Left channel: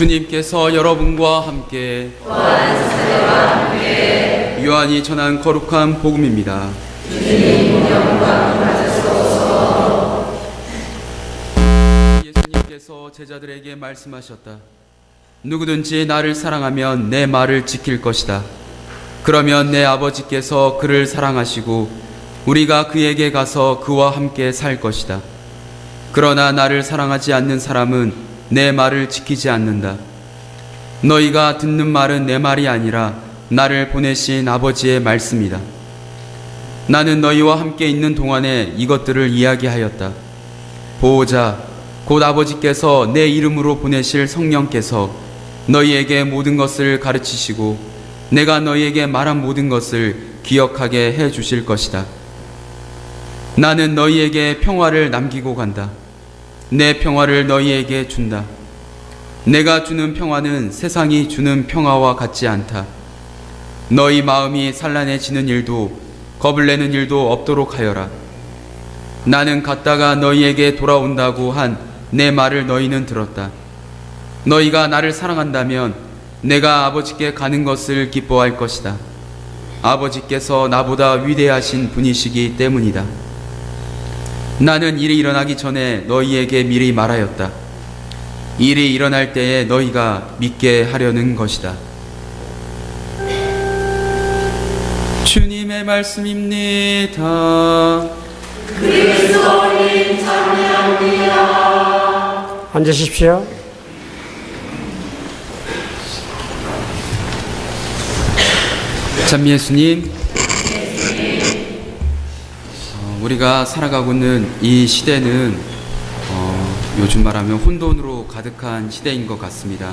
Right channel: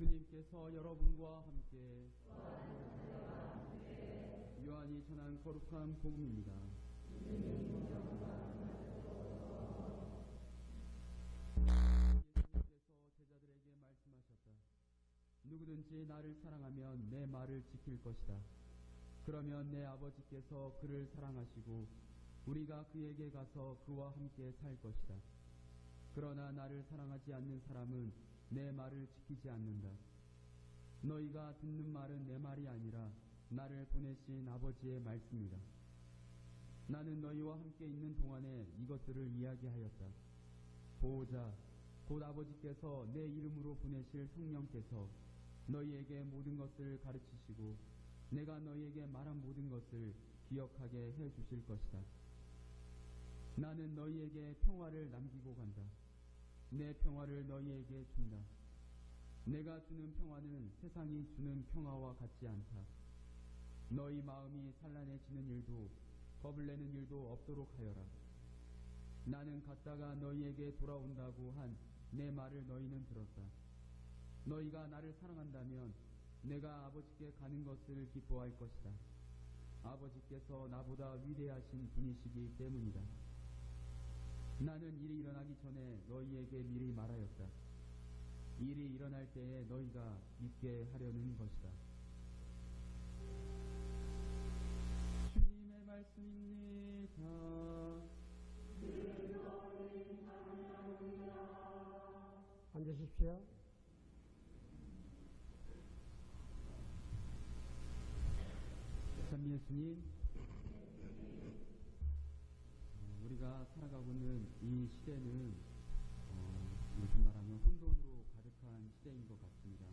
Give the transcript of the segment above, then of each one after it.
주님께서 여러분과 함께 요한이 전한 거룩한 복음입니다. 예수님께서 제자들에게 말씀하셨다. 누구든지 나를 사랑하면 내 말을 지킬 것이다. 그러면 내 아버지께서 그를 사랑하시고 우리가 그에게 가서 그와 함께 살 것이다. 그러나 나를 사랑하지 않는 사람은 내 말을 지키지 않는다. 너희가 듣는 말은 내 말이 아니라 나를 보내신 아버지의 말씀이다. 나는 너희와 함께 있는 동안에 이것들을 이야기하였다. 보호자, 곧 아버지께서 내 이름으로 보내실 성령께서 너희에게 모든 것을 가르치시고 내가 너희에게 말한 모든 것을 기억하게 해 주실 것이다. 나는 너희에게 평화를 남기고 간다. 내 평화를 너희에게 준다. 내가 주는 평화는 세상이 주는 평화와 같지 않다. 너희 마음이 산란해지는 일도 겁을 내는 일도 없도록 하여라. 나는 갔다가 너희에게 돌아온다고 한 내 말을 너희는 들었다. 너희가 나를 사랑한다면 내가 아버지께 가는 것을 기뻐할 것이다. 아버지께서 나보다 위대하신 분이시기 때문이다. 나는 일이 일어나기 전에 너희에게 미리 말하였다. 일이 일어날 때에 너희가 믿게 하려는 것이다. 주님의 말씀입니다. 그리스도님 찬양합니다. 앉으십시오. 찬미 예수님, 우리가 살아가고 있는 이 시대는 요즘 말하면 혼돈으로 가득한 시대인 것 같습니다.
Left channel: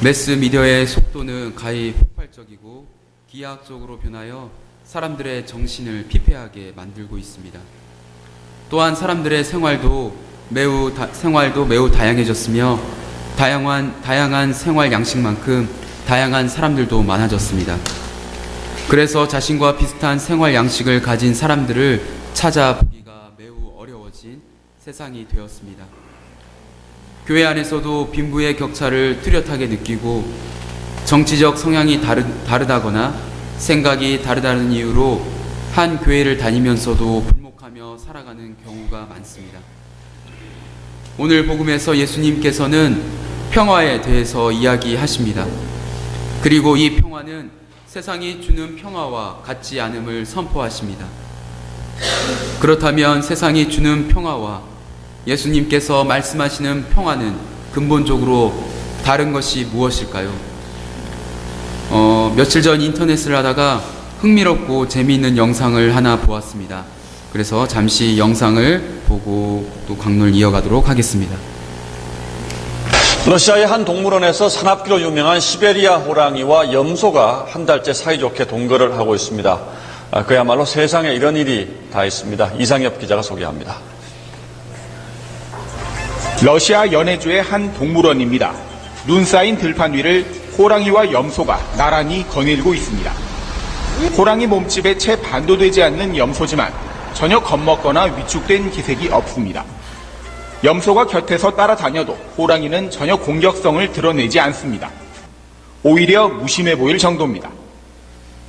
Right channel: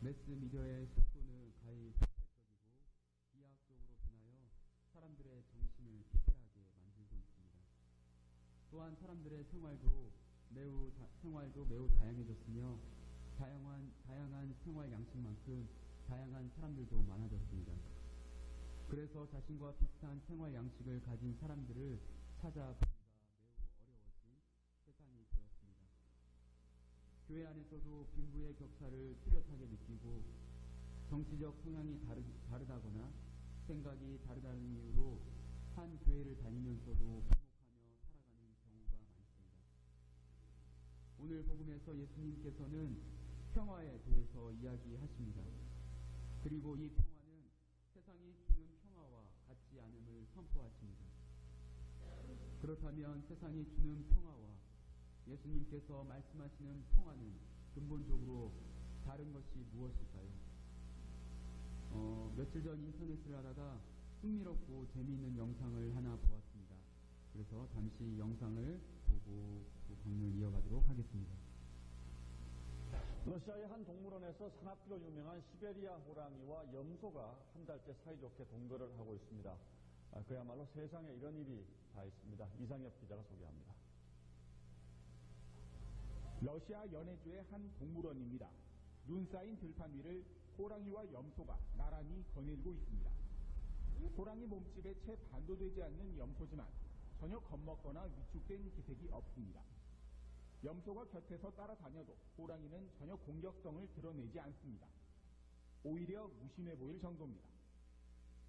매스미디어의 속도는 가히 폭발적이고 기하학적으로 변하여 사람들의 정신을 피폐하게 만들고 있습니다. 또한 사람들의 생활도 매우 다양해졌으며 다양한 생활 양식만큼 다양한 사람들도 많아졌습니다. 그래서 자신과 비슷한 생활 양식을 가진 사람들을 찾아보기가 매우 어려워진 세상이 되었습니다. 교회 안에서도 빈부의 격차를 뚜렷하게 느끼고 정치적 성향이 다르다거나 생각이 다르다는 이유로 한 교회를 다니면서도 불목하며 살아가는 경우가 많습니다. 오늘 복음에서 예수님께서는 평화에 대해서 이야기하십니다. 그리고 이 평화는 세상이 주는 평화와 같지 않음을 선포하십니다. 그렇다면 세상이 주는 평화와 예수님께서 말씀하시는 평화는 근본적으로 다른 것이 무엇일까요? 며칠 전 인터넷을 하다가 흥미롭고 재미있는 영상을 하나 보았습니다. 그래서 잠시 영상을 보고 또 강론을 이어가도록 하겠습니다. 러시아의 한 동물원에서 산악기로 유명한 시베리아 호랑이와 염소가 한 달째 사이좋게 동거를 하고 있습니다. 그야말로 세상에 이런 일이 다 있습니다. 이상엽 기자가 소개합니다. 러시아 연해주의 한 동물원입니다. 눈 쌓인 들판 위를 호랑이와 염소가 나란히 거닐고 있습니다. 호랑이 몸집에 채 반도 되지 않는 염소지만 전혀 겁먹거나 위축된 기색이 없습니다. 염소가 곁에서 따라다녀도 호랑이는 전혀 공격성을 드러내지 않습니다. 오히려 무심해 보일 정도입니다.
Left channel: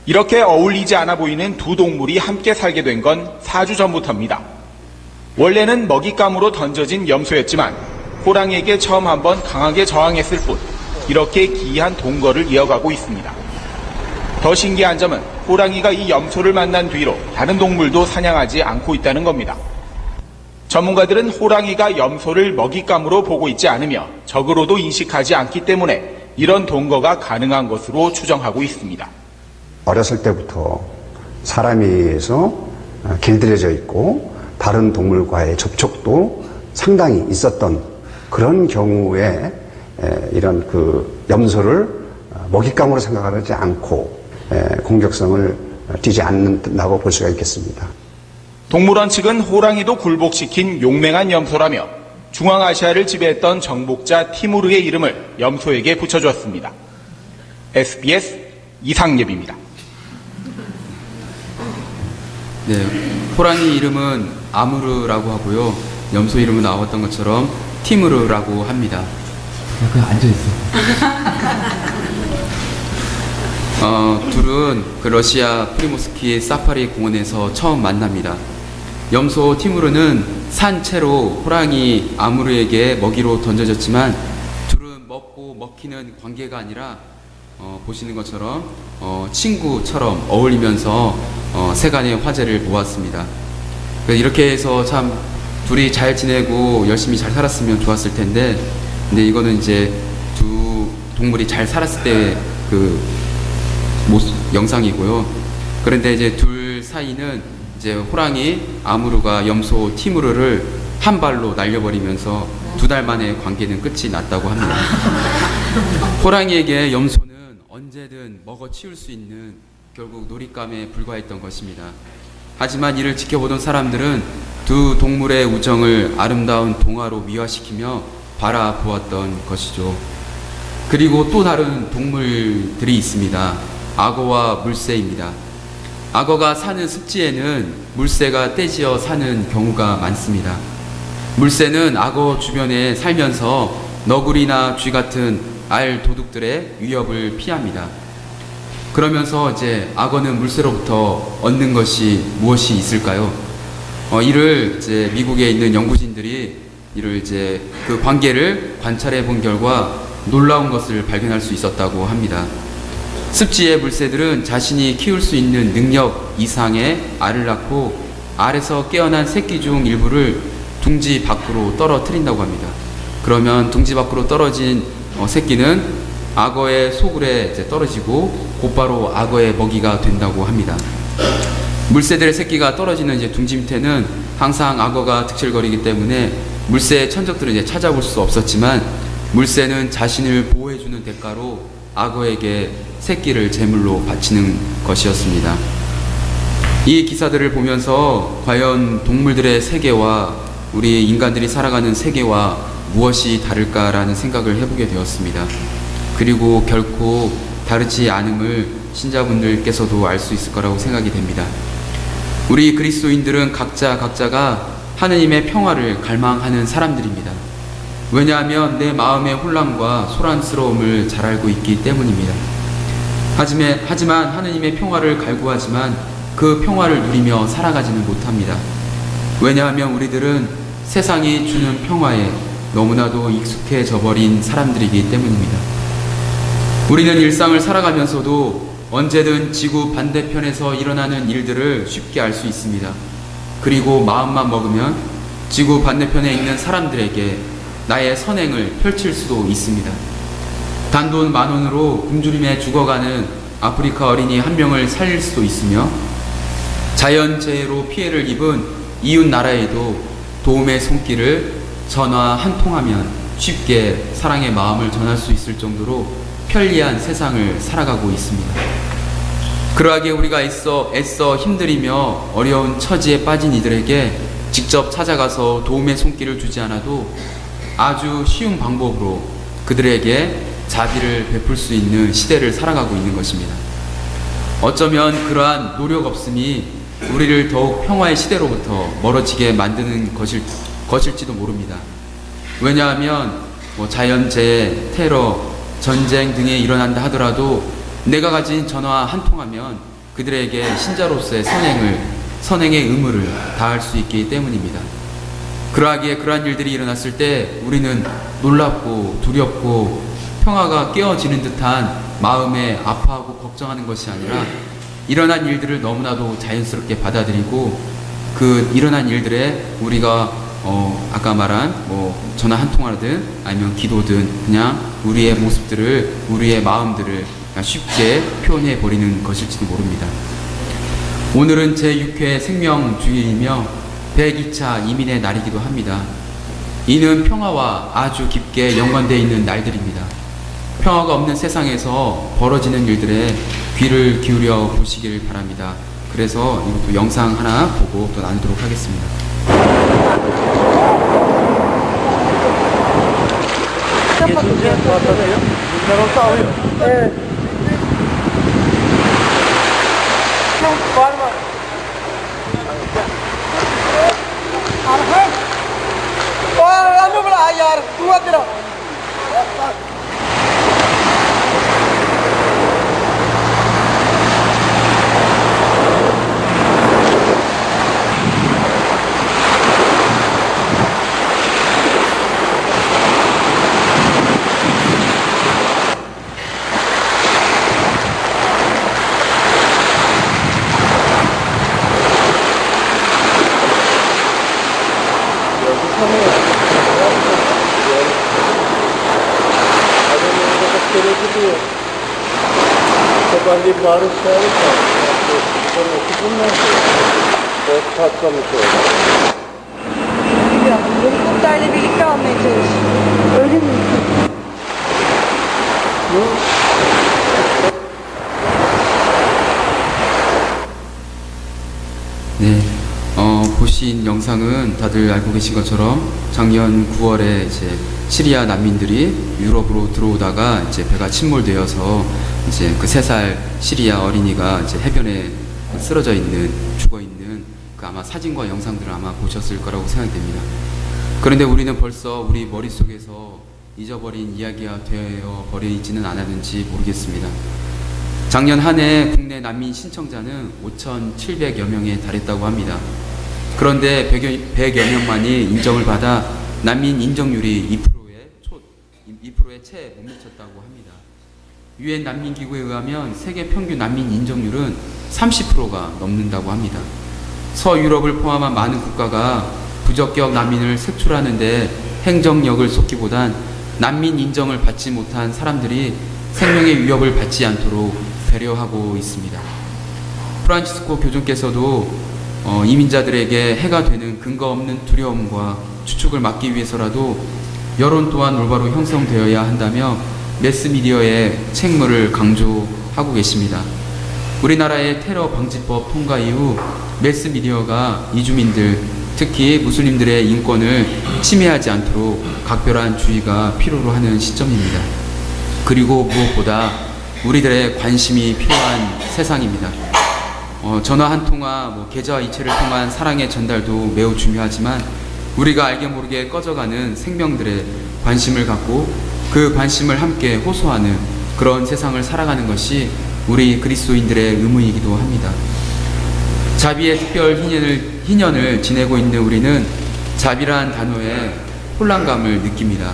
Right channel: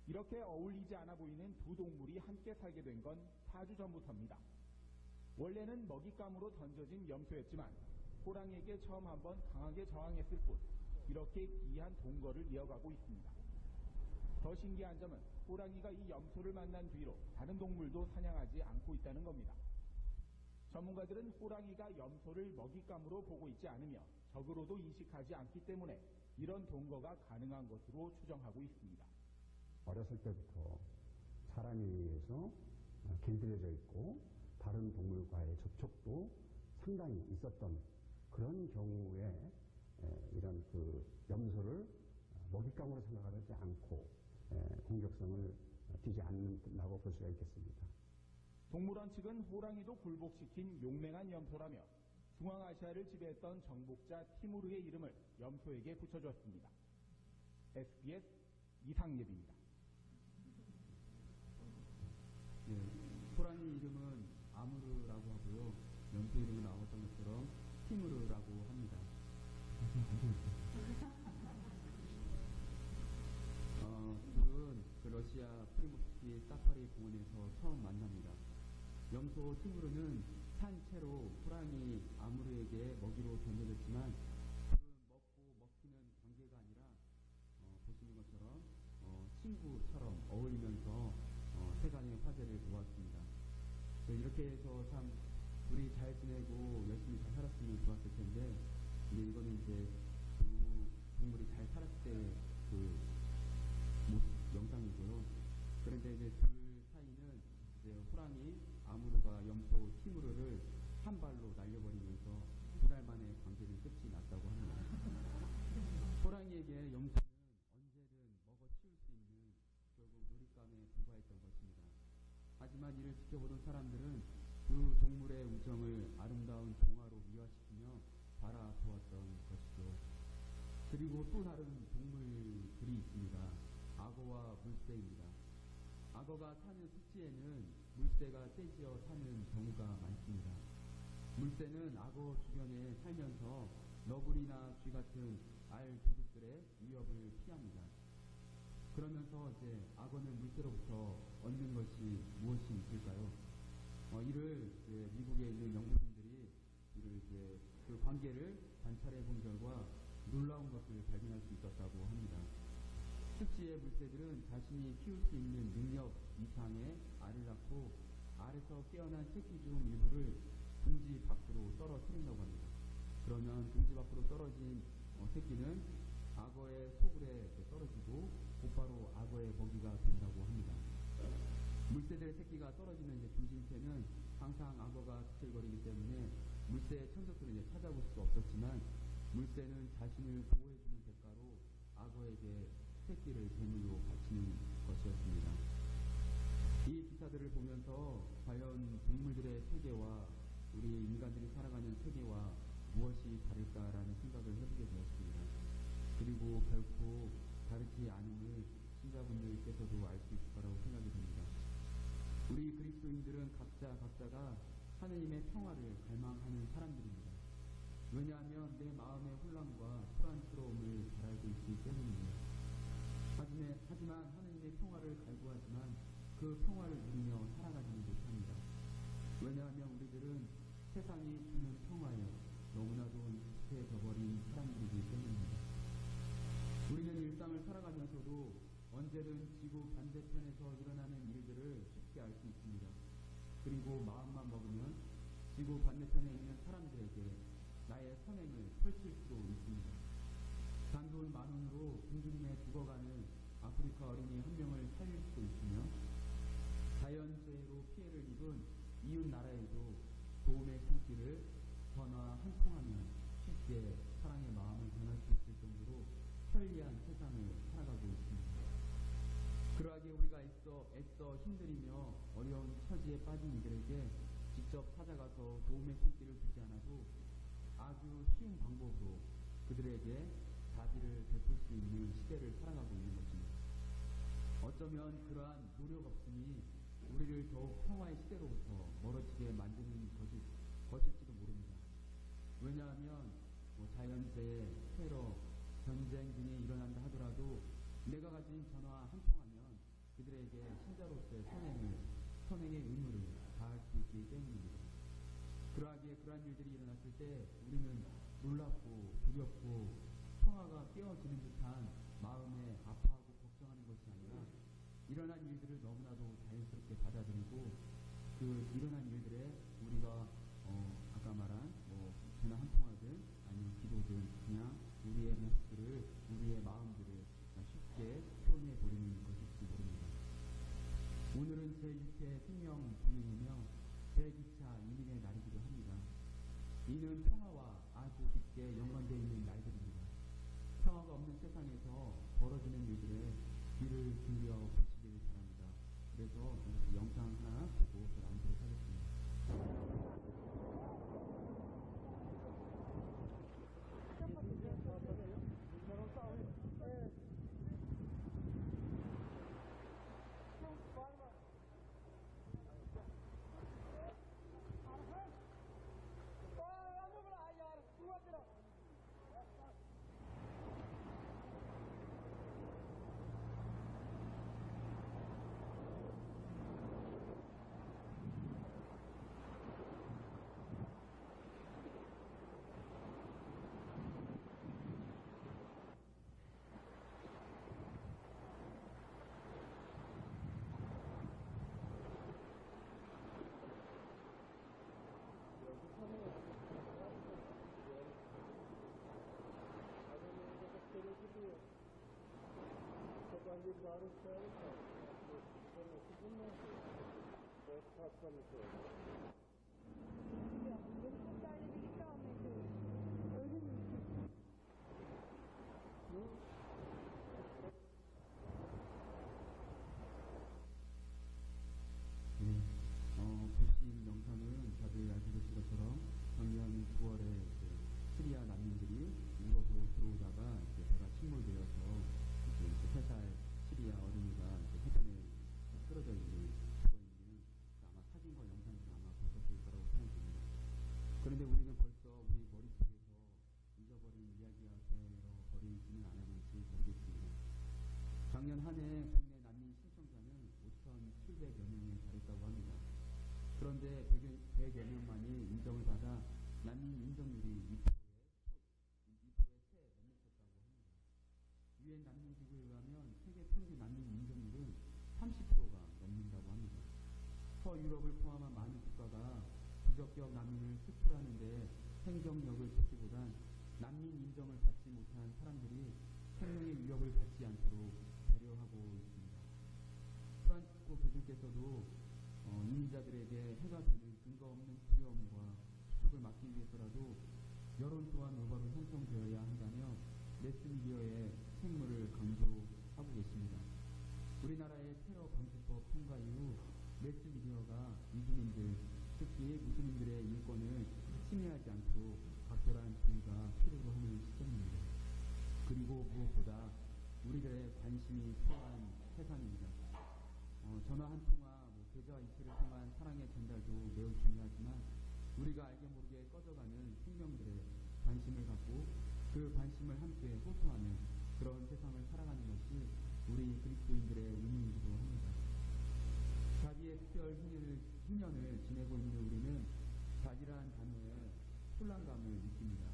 이렇게 어울리지 않아 보이는 두 동물이 함께 살게 된 건 4주 전부터입니다. 원래는 먹잇감으로 던져진 염소였지만 호랑이에게 처음 한번 강하게 저항했을 뿐 이렇게 기이한 동거를 이어가고 있습니다. 더 신기한 점은 호랑이가 이 염소를 만난 뒤로 다른 동물도 사냥하지 않고 있다는 겁니다. 전문가들은 호랑이가 염소를 먹잇감으로 보고 있지 않으며 적으로도 인식하지 않기 때문에 이런 동거가 가능한 것으로 추정하고 있습니다. 어렸을 때부터 사람에 의해서 길들여져 있고 다른 동물과의 접촉도 상당히 있었던 그런 경우에 이런 염소를 먹잇감으로 생각하지 않고 공격성을 띠지 않는다고 볼 수가 있겠습니다. 동물원 측은 호랑이도 굴복시킨 용맹한 염소라며 중앙아시아를 지배했던 정복자 티무르의 이름을 염소에게 붙여주었습니다. SBS 이상엽입니다. 네, 호랑이 이름은 아무르라고 하고요. 염소 이름은 나왔던 것처럼 티무르라고 합니다. 그냥 앉아있어. 둘은 그 러시아 프리모스키 사파리 공원에서 처음 만납니다. 염소 티무르는 산채로 호랑이 아무르에게 먹이로 던져졌지만 둘은 먹고 먹히는 관계가 아니라 보시는 것처럼 친구처럼 어울리면서 세간의 화제를 모았습니다. 이렇게 해서 참 둘이 잘 지내고 열심히 잘 살았으면 좋았을 텐데, 근데 이거는 이제 두 동물이 잘 살았을 때 그 영상이고요. 그런데 이제 둘 사이는 이제 호랑이 아무르가 염소 티무르를 한 발로 날려버리면서 2달 만에 관계는 끝이 났다고 합니다. 호랑이에게 염소는 언제든 먹어 치울 수 있는 결국 놀잇감에 불과했던 것입니다. 하지만 이를 지켜보던 사람들은 두 동물의 우정을 아름다운 동화로 미화시키며 바라보았던 것이죠. 그리고 또 다른 동물들이 있습니다. 악어와 물새입니다. 악어가 사는 습지에는 물새가 떼지어 사는 경우가 많습니다. 물새는 악어 주변에 살면서 너구리나 쥐 같은 알 도둑들의 위협을 피합니다. 그러면서 이제 악어는 물새로부터 얻는 것이 무엇이 있을까요? 이를 이제 미국에 있는 연구진들이 이를 이제 그 관계를 관찰해 본 결과 놀라운 것을 발견할 수 있었다고 합니다. 습지의 물새들은 자신이 키울 수 있는 능력 이상의 알을 낳고 알에서 깨어난 새끼 중 일부를 둥지 밖으로 떨어뜨린다고 합니다. 그러면 둥지 밖으로 떨어진 새끼는 악어의 소굴에 이제 떨어지고 곧바로 악어의 먹이가 된다고 합니다. 물새들의 새끼가 떨어지는 이제 둥지 밑에는 항상 악어가 득실거리기 때문에 물새의 천적들은 이제 찾아볼 수 없었지만 물새는 자신을 보호해주는 대가로 악어에게 새끼를 제물로 바치는 것이었습니다. 이 기사들을 보면서 과연 동물들의 세계와 우리 인간들이 살아가는 세계와 무엇이 다를까라는 생각을 해보게 되었습니다. 그리고 결코 다르지 않음을 신자분들께서도 알 수 있을 거라고 생각이 됩니다. 우리 그리스도인들은 각자가 하느님의 평화를 갈망하는 사람들입니다. 왜냐하면 내 마음의 혼란과 소란스러움을 잘 알고 있기 때문입니다. 하지만 하느님의 평화를 갈구하지만 그 평화를 누리며 살아가지는 못합니다. 왜냐하면 우리들은 세상이 주는 평화에 너무나도 익숙해져 버린 사람들이기 때문입니다. 우리는 일상을 살아가면서도 언제든 지구 반대편에서 일어나는 일들을 쉽게 알 수 있습니다. 그리고 마음만 먹으면 지구 반대편에 있는 사람들에게 나의 선행을 펼칠 수도 있습니다. 단돈 10,000원으로 굶주림에 죽어가는 아프리카 어린이 1명을 살릴 수도 있으며 자연재해로 피해를 입은 이웃 나라에도 도움의 손길을 전화 한 통하면 쉽게 사랑의 마음을 전할 수 있을 정도로 편리한 세상을 살아가고 있습니다. 그러하기에 우리가 애써 힘들이며 어려운 처지에 빠진 이들에게 직접 찾아가서 도움의 손길을 주지 않아도 아주 쉬운 방법으로 그들에게 자비를 베풀 수 있는 시대를 살아가고 있는 것입니다. 어쩌면 그러한 노력 없음이 우리를 더욱 평화의 시대로부터 멀어지게 만드는 것일지도 모릅니다. 왜냐하면 자연재해, 테러, 전쟁 등이 일어난다 하더라도 내가 가진 전화 한 통하면 그들에게 신자로서의 선행의 의무를 다할 수 있기 때문입니다. 그러하기에 그러한 일들이 일어났을 때 우리는 놀랍고 두렵고 평화가 깨어지는 듯한 마음에 아파하고 걱정하는 것이 아니라 일어난 일들을 너무나도 자연스럽게 받아들이고 그 일어난 일들에 우리가 아까 말한 전화 한 통화든 아니면 기도든 그냥 우리의 모습들을 우리의 마음들을 쉽게 표현해 버리는 것일지도 모릅니다. 오늘은 제6회 생명주일이며 102차 이민의 날이기도 합니다. 이는 평화와 아주 깊게 연관되어 있는 날들입니다. 평화가 없는 세상에서 벌어지는 일들에 귀를 기울여 보시길 바랍니다. 그래서 이것도 영상 하나 보고 또 나누도록 하겠습니다. यार तू Bilmiyorum. Helikopterle birlikte almaya çalışıyor. Öyle mi? 네, 보신 영상은 다들 알고 계신 것처럼 작년 9월에 이제 시리아 난민들이 유럽으로 들어오다가 이제 배가 침몰되어서 이제 그 3살 시리아 어린이가 이제 해변에 쓰러져 있는, 죽어 있는 그 아마 사진과 영상들을 아마 보셨을 거라고 생각됩니다. 그런데 우리는 벌써 우리 머릿속에서 잊어버린 이야기가 되어 버리지는 않았는지 모르겠습니다. 작년 한 해 국내 난민 신청자는 5,700여 명에 달했다고 합니다. 그런데 100여 명만이 인정을 받아 난민 인정률이 2%에 채 못 미쳤다고 합니다. 유엔 난민기구에 의하면 세계 평균 난민 인정률은 30%가 넘는다고 합니다. 서유럽을 포함한 많은 국가가 부적격 난민을 색출하는데 행정력을 쏟기보단 난민 인정을 받지 못한 사람들이 생명의 위협을 받지 않도록 배려하고 있습니다. 프란치스코 교주께서도 이민자들에게 해가 되는 근거 없는 두려움과 추측을 막기 위해서라도 여론 또한 올바로 형성되어야 한다며 매스미디어의 책무를 강조하고 계십니다. 우리나라의 테러 방지법 통과 이후 매스미디어가 이주민들, 특히 무슬림들의 인권을 침해하지 않도록 각별한 주의가 필요로 하는 시점입니다. 그리고 무엇보다 우리들의 관심이 필요한 세상입니다. 전화 한 통화, 계좌 이체를 통한 사랑의 전달도 매우 중요하지만 우리가 알게 모르게 꺼져가는 생명들의 관심을 갖고 그 관심을 함께 호소하는 그런 세상을 살아가는 것이 우리 그리스도인들의 의무이기도 합니다. 자비의 특별 희년을 지내고 있는 우리는 자비란 단어에 혼란감을 느낍니다.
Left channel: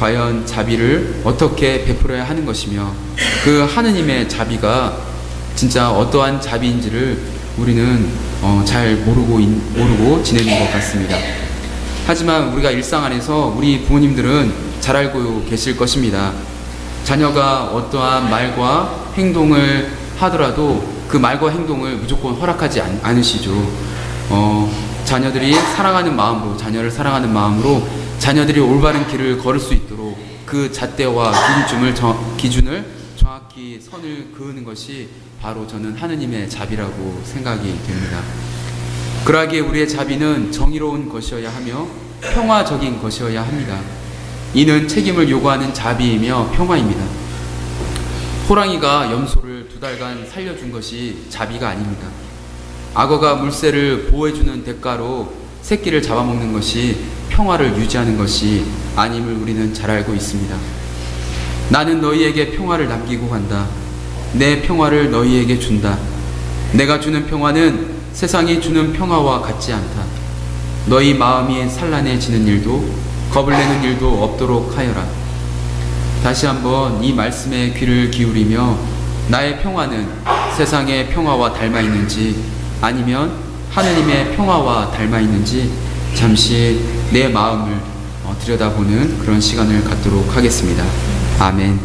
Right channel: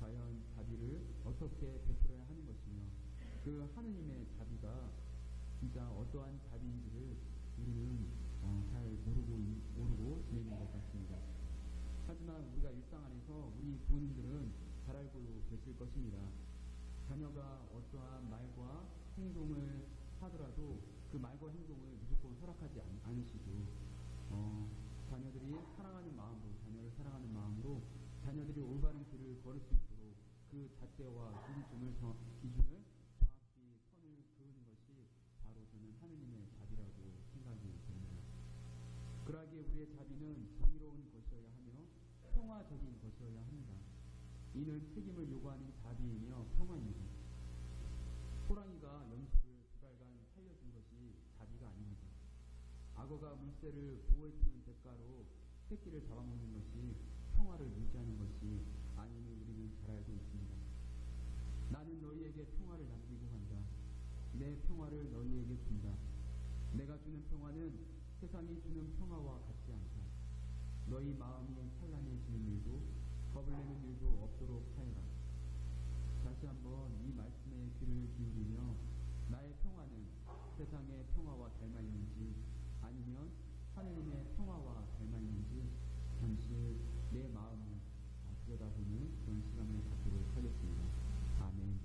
과연 자비를 어떻게 베풀어야 하는 것이며 그 하느님의 자비가 진짜 어떠한 자비인지를 우리는 잘 모르고 지내는 것 같습니다. 하지만 우리가 일상 안에서 우리 부모님들은 잘 알고 계실 것입니다. 자녀가 어떠한 말과 행동을 하더라도 그 말과 행동을 무조건 허락하지 않으시죠. 자녀를 사랑하는 마음으로 자녀들이 올바른 길을 걸을 수 있도록 그 잣대와 기준을 정확히 선을 그으는 것이 바로 저는 하느님의 자비라고 생각이 됩니다. 그러하기에 우리의 자비는 정의로운 것이어야 하며 평화적인 것이어야 합니다. 이는 책임을 요구하는 자비이며 평화입니다. 호랑이가 염소를 2달간 살려준 것이 자비가 아닙니다. 악어가 물새를 보호해주는 대가로 새끼를 잡아먹는 것이 평화를 유지하는 것이 아님을 우리는 잘 알고 있습니다. 나는 너희에게 평화를 남기고 간다. 내 평화를 너희에게 준다. 내가 주는 평화는 세상이 주는 평화와 같지 않다. 너희 마음이 산란해지는 일도 겁을 내는 일도 없도록 하여라. 다시 한번 이 말씀에 귀를 기울이며 나의 평화는 세상의 평화와 닮아 있는지 아니면 하느님의 평화와 닮아 있는지 잠시 내 마음을 들여다보는 그런 시간을 갖도록 하겠습니다. 아멘.